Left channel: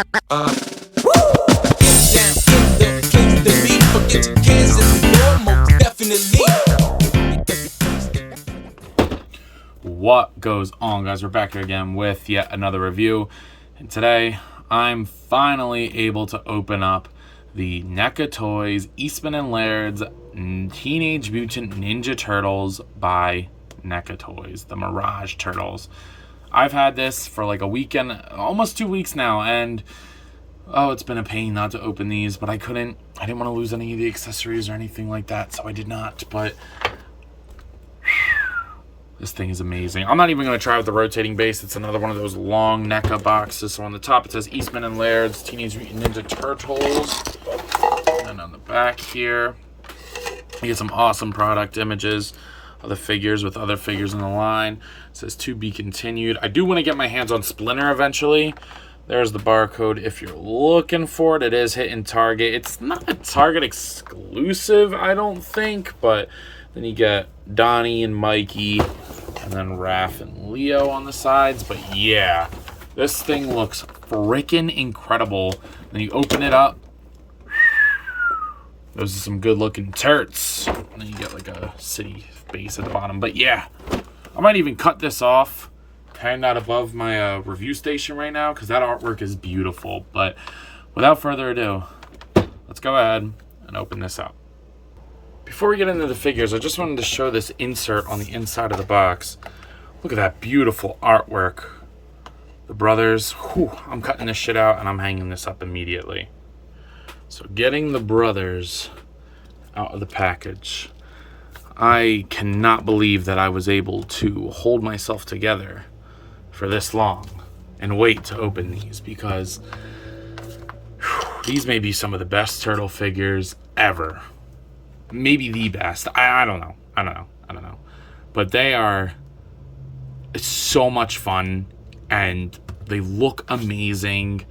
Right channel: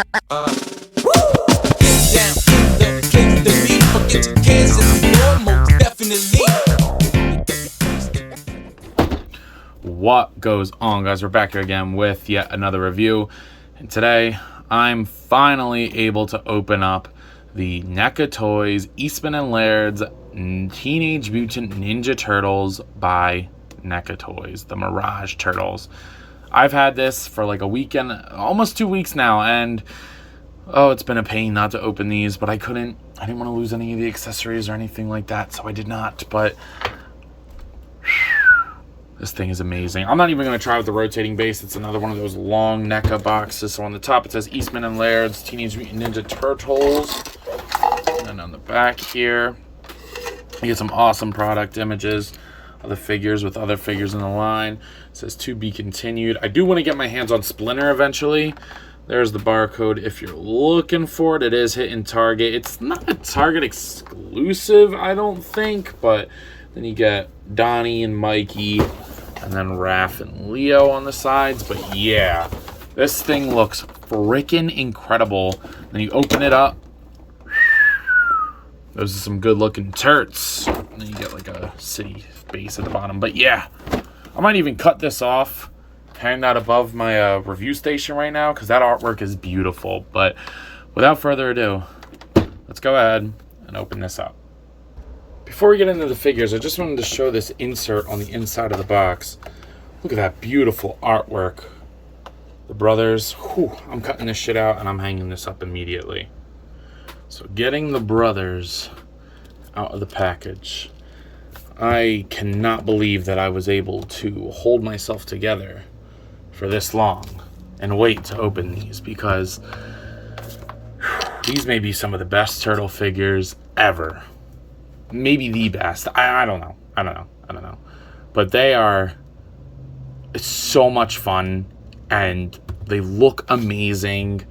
Down in the place to be. Forget your cares in the door, most definitely. What goes on, guys? We're back here again with yet another review, and today I'm finally able to open up the Neca Toys Eastman and Laird's Teenage Mutant Ninja Turtles by Neca Toys, the Mirage Turtles. I've had this for like a weekend, almost 2 weeks now, and oh, it's been a pain not to open these, but I didn't want to lose any of the accessories or anything like that, so I did not. But this thing is amazing. I'm not even going to try with the rotating base. It's another one of those long NECA boxes. So on the top it says Eastman and Laird's Teenage Mutant Ninja Turtles. And then on the back here, you get some awesome product images of the figures with other figures in the line. It says to be continued. I do want to get my hands on Splinter eventually. There's the barcode if you're looking for it. It is hitting Target. It's not a Target exclusive, I don't think, but then you get Donnie and Mikey, and then Raph and Leo on the sides. But yeah, this thing looks freaking incredible. Then you open it up. Those are some good looking Turts. And then you get like a city base at the bottom. But yeah, I might even cut this off, hang that above my review station right now, because that artwork is beautiful. But without further ado, let's go ahead and open this up. Before we get into the figures, I just wanted to show this insert on the inside of the box. Look at that beautiful artwork. The brothers. Whew, I'm cutting this shit out and I'm hanging this up immediately. So getting the brothers out of the package. I cannot believe that I was able to hold myself together for this long and wait to open these, because these may be some of the best turtle figures ever. Maybe the best. I don't know. But they are, it's so much fun, and they look amazing.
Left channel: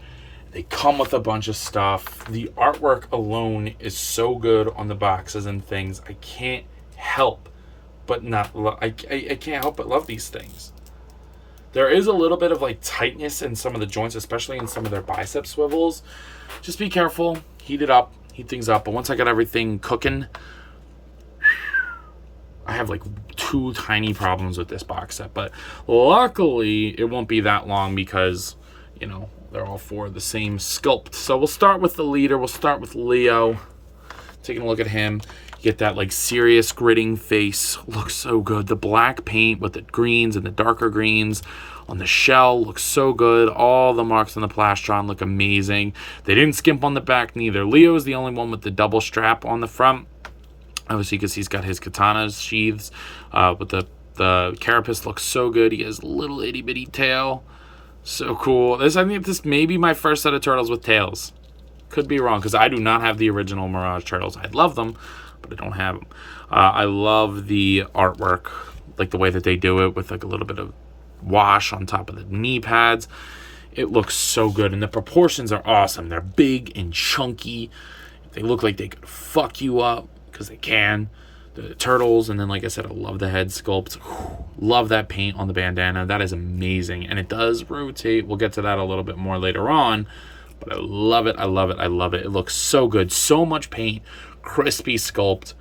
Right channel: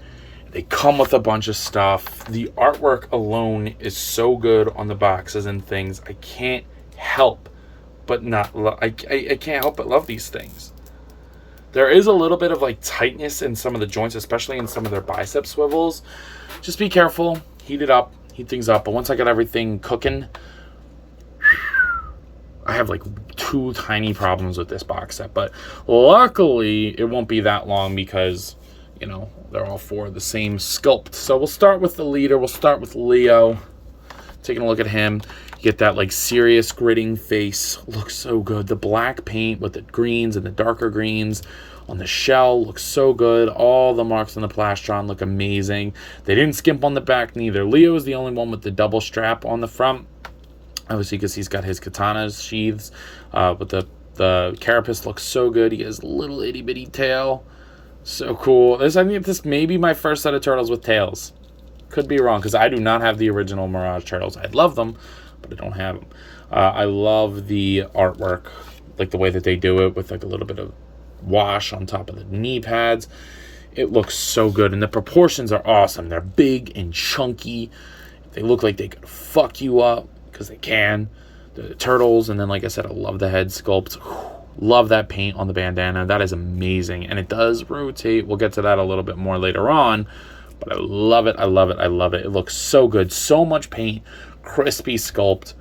They come with a bunch of stuff. The artwork alone is so good on the boxes and things. I can't help but I can't help but love these things. There is a little bit of like tightness in some of the joints, especially in some of their bicep swivels. Just be careful. Heat things up. But once I got everything cooking, I have like 2 tiny problems with this box set. But luckily, it won't be that long because, you know, they're all 4 the same sculpt. So we'll start with the leader. We'll start with Leo. Taking a look at him. You get that like serious gritting face. Looks so good. The black paint with the greens and the darker greens on the shell looks so good. All the marks on the plastron look amazing. They didn't skimp on the back neither. Leo is the only one with the double strap on the front. Obviously, because he's got his katana sheaths. But the carapace looks so good. He has a little itty bitty tail. So cool. I think this may be my first set of turtles with tails. Could be wrong, because I do not have the original Mirage Turtles. I love them, but I don't have them. I love the artwork, like the way that they do it with like a little bit of wash on top of the knee pads. It looks so good, and the proportions are awesome. They're big and chunky. They look like they could fuck you up, because they can. The turtles, and then like I said, I love the head sculpt. Love that paint on the bandana. That is amazing, and it does rotate. We'll get to that a little bit more later on. But I love it, I love it, I love it. It looks so good. So much paint, crispy sculpt,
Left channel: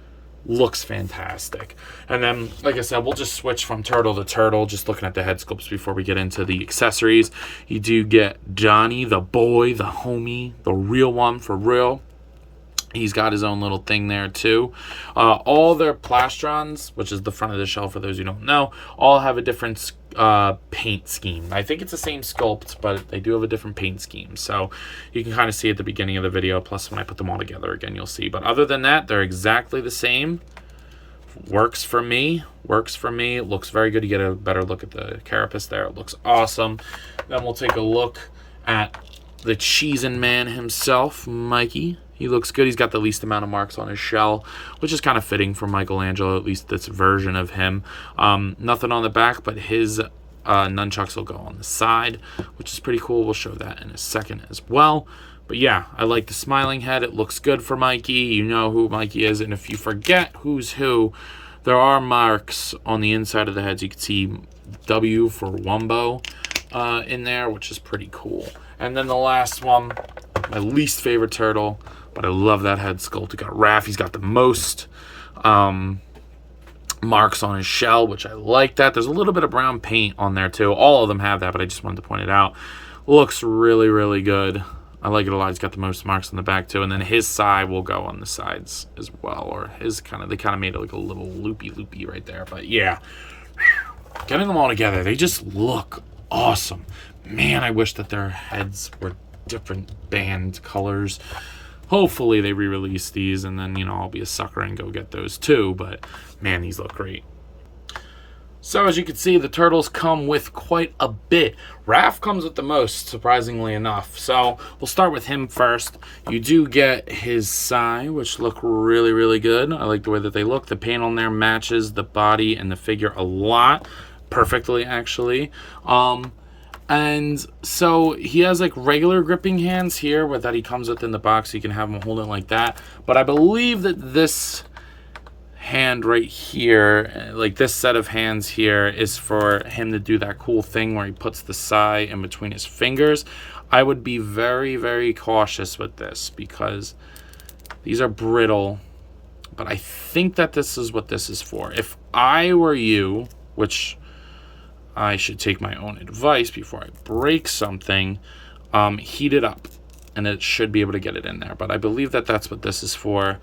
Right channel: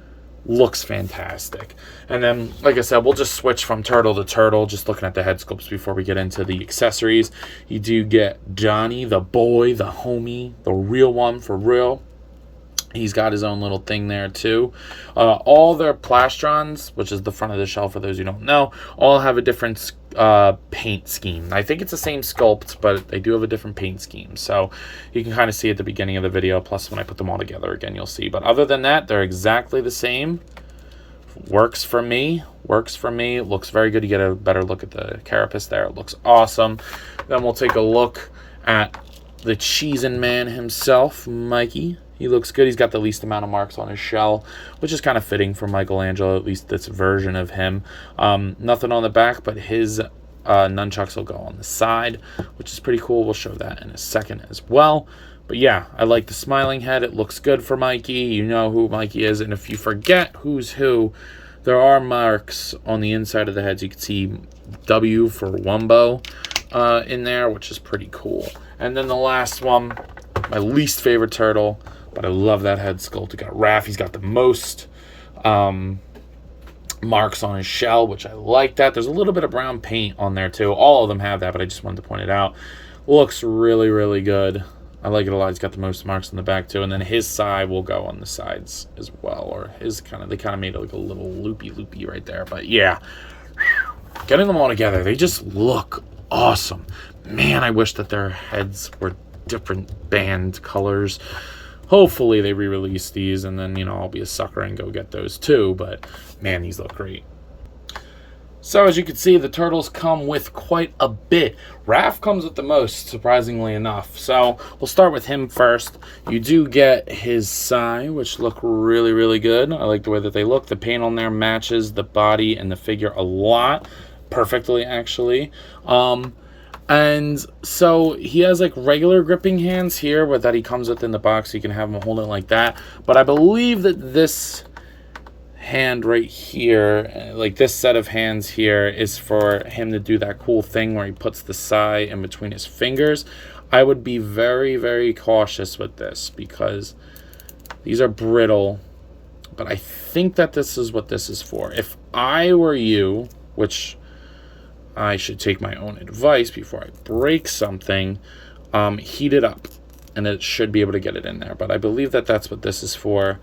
looks fantastic. And then, like I said, we'll just switch from turtle to turtle, just looking at the head sculpts before we get into the accessories. You do get Donnie, the boy, the homie, the real one for real. He's got his own little thing there too. All their plastrons, which is the front of the shell for those who don't know, all have a different paint scheme. I think it's the same sculpt, but they do have a different paint scheme. So you can kind of see at the beginning of the video, plus when I put them all together again, you'll see. But other than that, they're exactly the same. Works for me. It looks very good. You get a better look at the carapace there. It looks awesome. Then we'll take a look at the cheesin' man himself, Mikey. He looks good. He's got the least amount of marks on his shell, which is kind of fitting for Michelangelo, at least this version of him. Nothing on the back, but his nunchucks will go on the side, which is pretty cool. We'll show that in a second as well. But yeah, I like the smiling head. It looks good for Mikey. You know who Mikey is. And if you forget who's who, there are marks on the inside of the heads. You can see W for Wumbo in there, which is pretty cool. And then the last one, my least favorite turtle, but I love that head sculpt. We got Raph. He's got the most marks on his shell, which I like that. There's a little bit of brown paint on there too. All of them have that, but I just wanted to point it out. Looks really, really good. I like it a lot. He's got the most marks on the back too, and then his side will go on the sides as well, or his they kind of made it like a little loopy right there. But yeah, getting them all together, they just look awesome. Man, I wish that their heads were different band colors. Hopefully they re-release these, and then, you know, I'll be a sucker and go get those too. But man, these look great. So as you can see, the turtles come with quite a bit. Raph comes with the most, surprisingly enough. So we'll start with him first. You do get his sai, which look really, really good. I like the way that they look. The paint on there matches the body and the figure a lot. Perfectly, actually. And so he has like regular gripping hands here, but that he comes with in the box. So you can have him hold it like that. But I believe that this hand right here, like this set of hands here, is for him to do that cool thing where he puts the sai in between his fingers. I would be very, very cautious with this because these are brittle, but I think that this is what this is for. If I were you, which I should take my own advice before I break something, heat it up and it should be able to get it in there. But I believe that that's what this is for.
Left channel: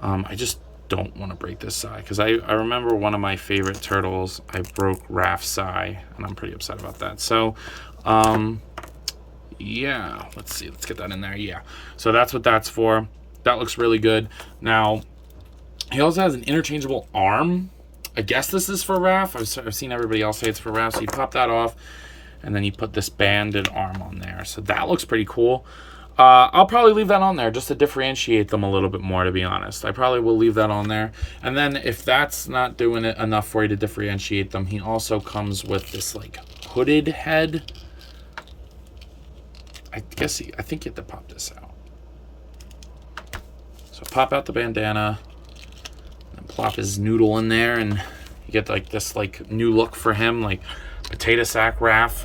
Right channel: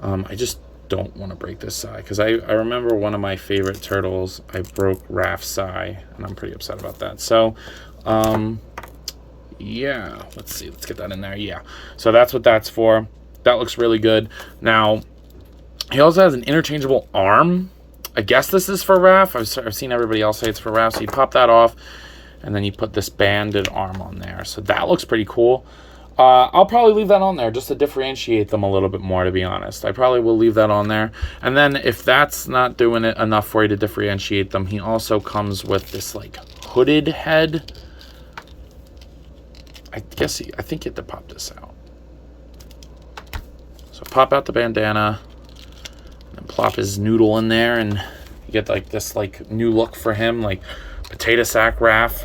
I just don't want to break this sai because I remember one of my favorite turtles, I broke Raph's sai, and I'm pretty upset about that. So yeah, let's see, let's get that in there. Yeah, so that's what that's for. That looks really good. Now he also has an interchangeable arm. I guess this is for Raph. I've seen everybody else say it's for Raph. So you pop that off, and then you put this banded arm on there. So that looks pretty cool. I'll probably leave that on there just to differentiate them a little bit more, to be honest. I probably will leave that on there. And then if that's not doing it enough for you to differentiate them, he also comes with this like hooded head. I think you have to pop this out. So pop out the bandana and plop his noodle in there, and you get like this like new look for him, like potato sack Raph.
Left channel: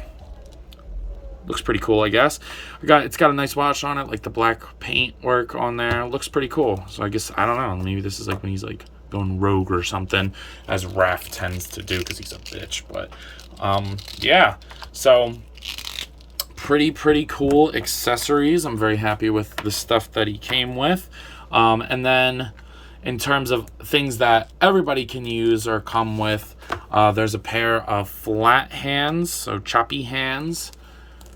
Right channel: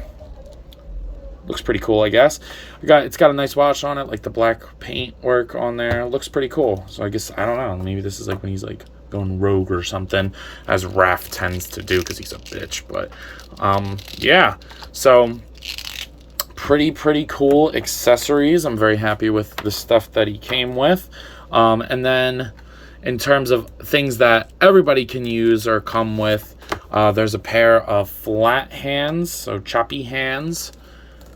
Looks pretty cool, I guess. It's got a nice wash on it, like the black paint work on there. Looks pretty cool. So I guess, I don't know, maybe this is like when he's like going rogue or something, as Raph tends to do because he's a bitch. But yeah, so pretty cool accessories. I'm very happy with the stuff that he came with. And then in terms of things that everybody can use or come with, there's a pair of flat hands, so choppy hands.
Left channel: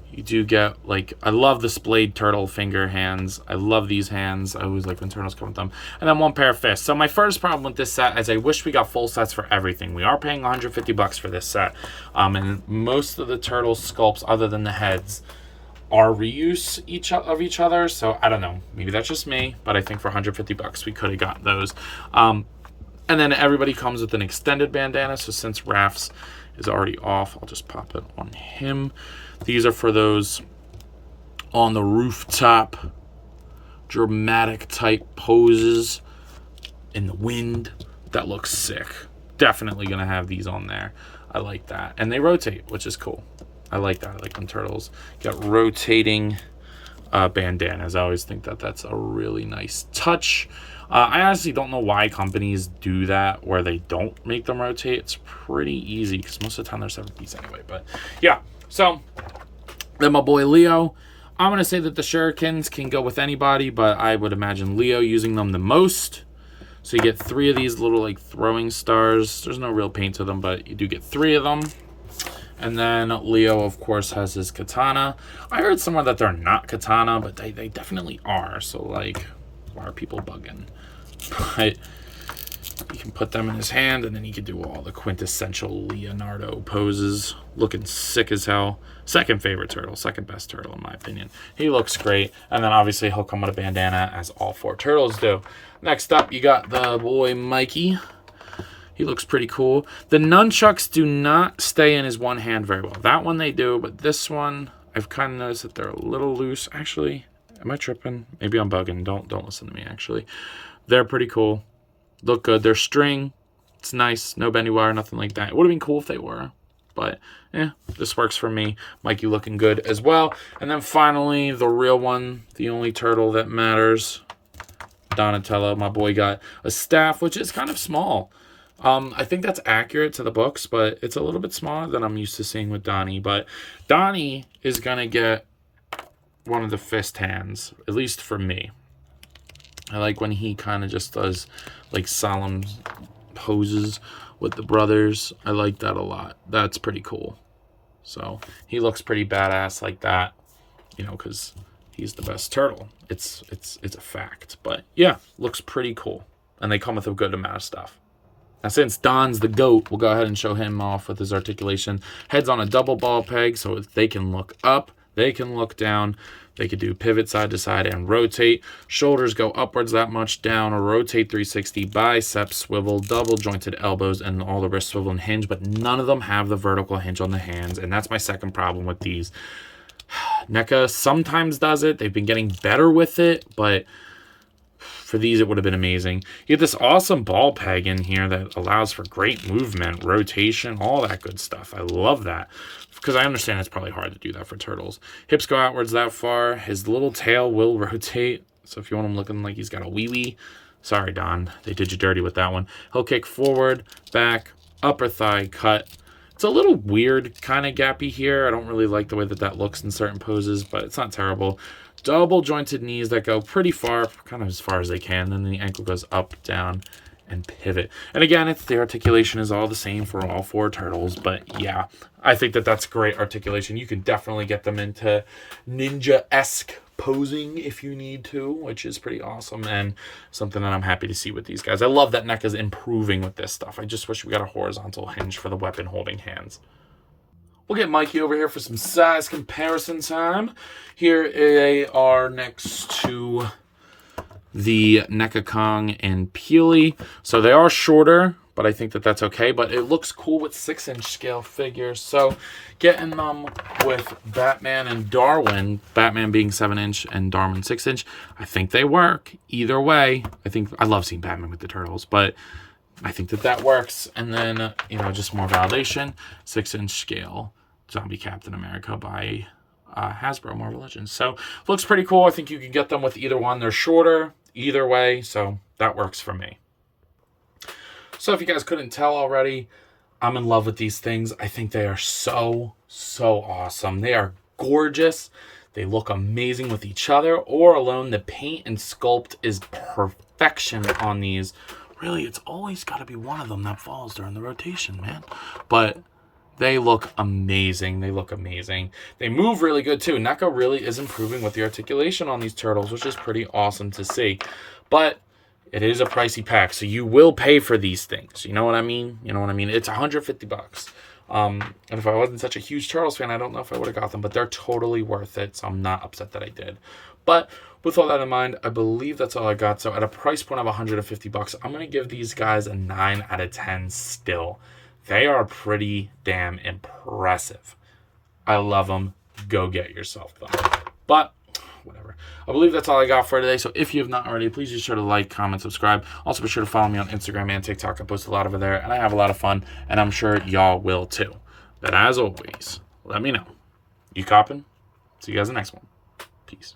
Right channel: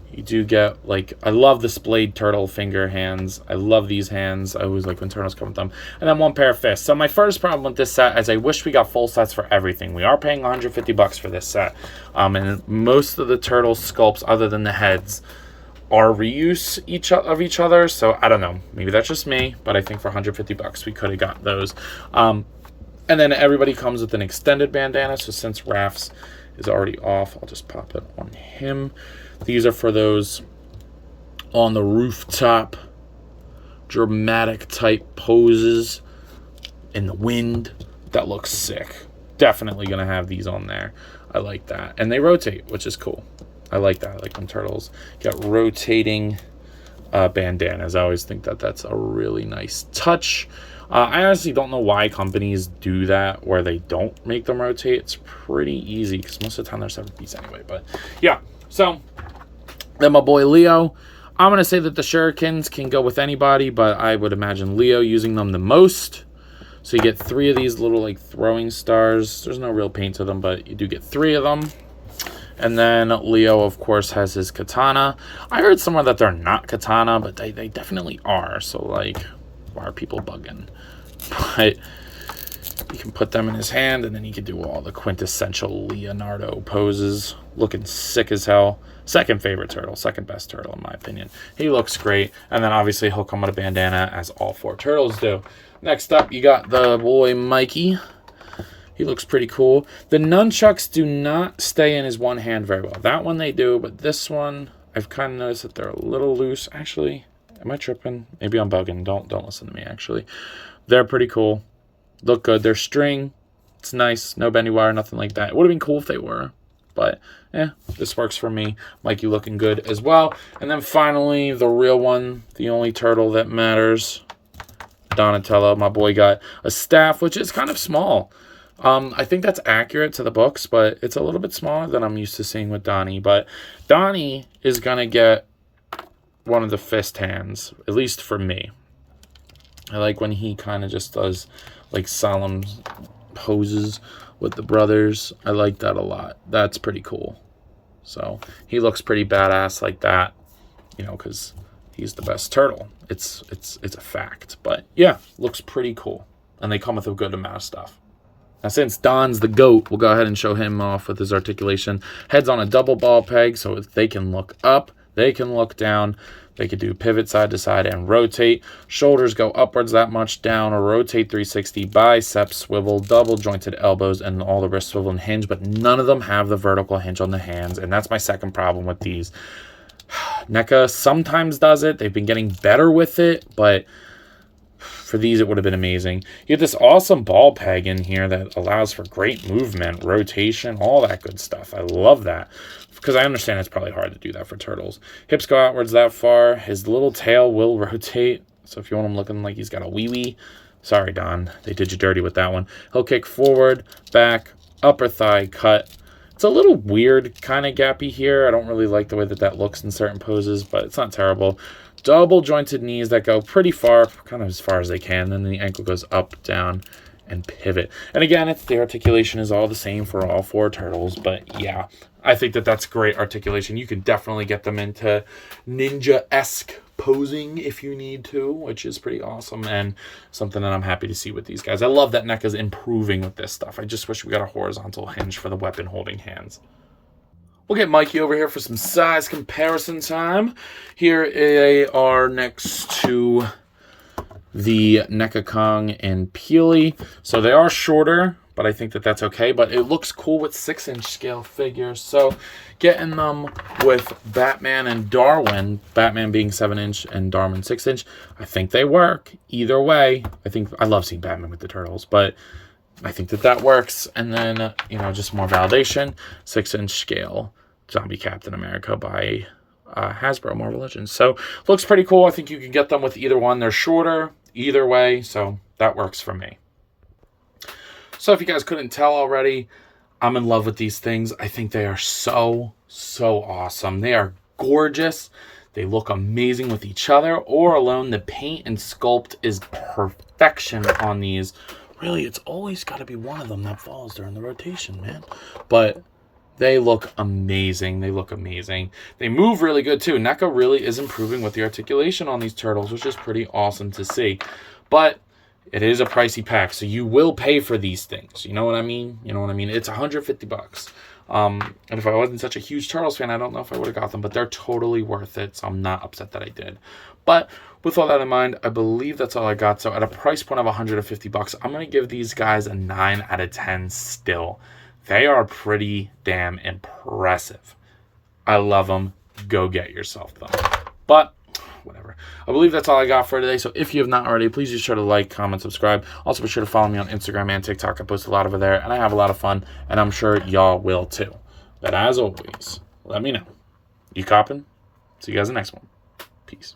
You do get, like, I love the splayed turtle finger hands. I love these hands. I always like when turtles come with them. And then one pair of fists. So my first problem with this set is I wish we got full sets for everything. We are paying $150 for this set. And most of the turtle sculpts, other than the heads, are reuse of each other. So I don't know. Maybe that's just me. But I think for $150 we could have got those. And then everybody comes with an extended bandana. So since Raph's is already off, I'll just pop it on him. These are for those on the rooftop, dramatic type poses in the wind. That looks sick. Definitely gonna have these on there. I like that. And they rotate, which is cool. I like that. I like when turtles get rotating bandanas. I always think that that's a really nice touch. I honestly don't know why companies do that where they don't make them rotate. It's pretty easy because most of the time they're 7-piece anyway. But yeah, so then my boy Leo. I'm going to say that the shurikens can go with anybody, but I would imagine Leo using them the most. So you get 3 of these little like throwing stars. There's no real paint to them, but you do get 3 of them. And then Leo, of course, has his katana. I heard somewhere that they're not katana, but they definitely are. So, like, why are people bugging? But you can put them in his hand, and then he can do all the quintessential Leonardo poses. Looking sick as hell. Second favorite turtle. Second best turtle, in my opinion. He looks great. And then, obviously, he'll come with a bandana, as all 4 turtles do. Next up, you got the boy Mikey. He looks pretty cool. The nunchucks do not stay in his one hand very well. That one they do, but this one, I've kind of noticed that they're a little loose. Actually, am I tripping? Maybe I'm bugging. Don't listen to me, actually. They're pretty cool. Look good. They're string. It's nice. No bendy wire, nothing like that. It would have been cool if they were. But, this works for me. Mikey looking good as well. And then finally, the real one, the only turtle that matters, Donatello. My boy got a staff, which is kind of small. I think that's accurate to the books, but it's a little bit smaller than I'm used to seeing with Donnie. But Donnie is going to get one of the fist hands, at least for me. I like when he kind of just does like solemn poses with the brothers. I like that a lot. That's pretty cool. So he looks pretty badass like that, you know, because he's the best turtle. It's a fact. But yeah, looks pretty cool. And they come with a good amount of stuff. Now, since Don's the GOAT, we'll go ahead and show him off with his articulation. Head's on a double ball peg, so they can look up, they can look down, they can do pivot side to side and rotate. Shoulders go upwards that much, down or rotate 360, biceps swivel, double jointed elbows, and all the wrist swivel and hinge, but none of them have the vertical hinge on the hands, and that's my second problem with these. Neca sometimes does it. They've been getting better with it, but for these, it would have been amazing. You get this awesome ball peg in here that allows for great movement, rotation, all that good stuff. I love that because I understand it's probably hard to do that for turtles. Hips go outwards that far. His little tail will rotate. So if you want him looking like he's got a wee-wee, sorry, Don. They did you dirty with that one. He'll kick forward, back, upper thigh cut. It's a little weird, kind of gappy here. I don't really like the way that that looks in certain poses, but it's not terrible. Double jointed knees that go pretty far, kind of as far as they can. Then the ankle goes up, down, and pivot. And again, the articulation is all the same for all four turtles. But yeah, I think that that's great articulation. You can definitely get them into ninja-esque posing if you need to, which is pretty awesome and something that I'm happy to see with these guys. I love that Neca's improving with this stuff. I just wish we got a horizontal hinge for the weapon holding hands. We'll get Mikey over here for some size comparison time. Here they are next to the Neca Kong and Peely. So they are shorter, but I think that that's okay. But it looks cool with 6-inch scale figures. So getting them with Batman and Darwin, Batman being 7-inch and Darwin 6-inch, I think they work. Either way, I love seeing Batman with the turtles, but I think that that works. And then, just more validation, 6-inch scale Zombie Captain America by Hasbro Marvel Legends. So looks pretty cool. I think you can get them with either one. They're shorter either way, so that works for me. So if you guys couldn't tell already, I'm in love with these things. I think they are so awesome. They are gorgeous. They look amazing with each other or alone. The paint and sculpt is perfection on these. Really, it's always got to be one of them that falls during the rotation, man. But they look amazing. They look amazing. They move really good, too. Neca really is improving with the articulation on these turtles, which is pretty awesome to see. But it is a pricey pack, so you will pay for these things. You know what I mean? It's $150. And if I wasn't such a huge Turtles fan, I don't know if I would have got them, but they're totally worth it, so I'm not upset that I did. But with all that in mind, I believe that's all I got. So at a price point of $150, I'm going to give these guys a 9 out of 10 still. They are pretty damn impressive. I love them. Go get yourself them. But whatever. I believe that's all I got for today. So if you have not already, please be sure to like, comment, subscribe. Also be sure to follow me on Instagram and TikTok. I post a lot over there, and I have a lot of fun, and I'm sure y'all will too. But as always, let me know. You coppin'? See you guys in the next one. Peace.